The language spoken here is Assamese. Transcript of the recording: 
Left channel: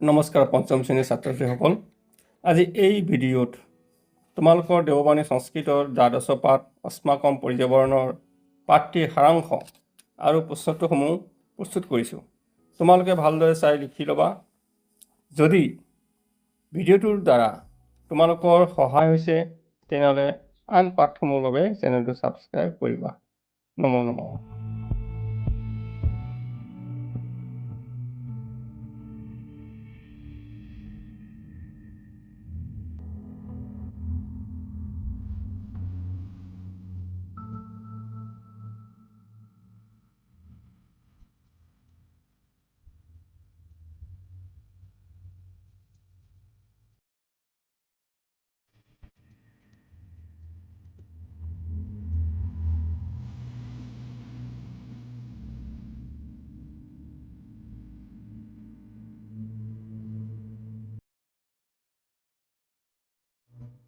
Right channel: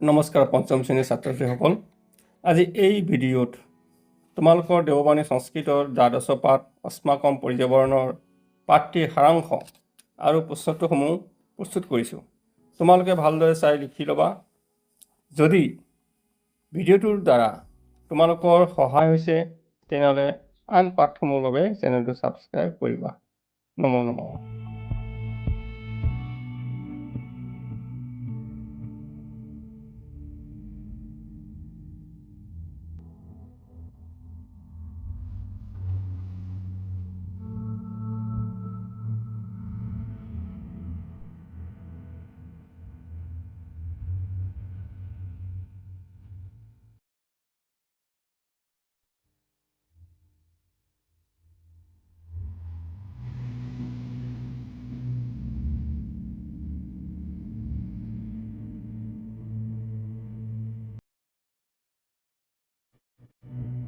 নমস্কাৰ পঞ্চম শ্ৰেণীৰ ছাত্ৰ ছাত্ৰীসকল। আজি এই ভিডিঅ'ত তোমালোকৰ দেৱবাণী সংস্কৃতৰ দ্বাদশ পাঠ অস্মাকম পৰ্যাবৰণৰ পাঠটিৰ সাৰাংশ আৰু প্ৰশ্নোত্তৰসমূহ প্ৰস্তুত কৰিছোঁ। তোমালোকে ভালদৰে চাই লিখি ল'বা। যদি ভিডিঅ'টোৰ দ্বাৰা তোমালোকৰ সহায় হৈছে তেনেহ'লে আন পাঠসমূহৰ বাবে চেনেলটো ছাবস্ক্ৰাইব কৰিবা। নমো নমঃ।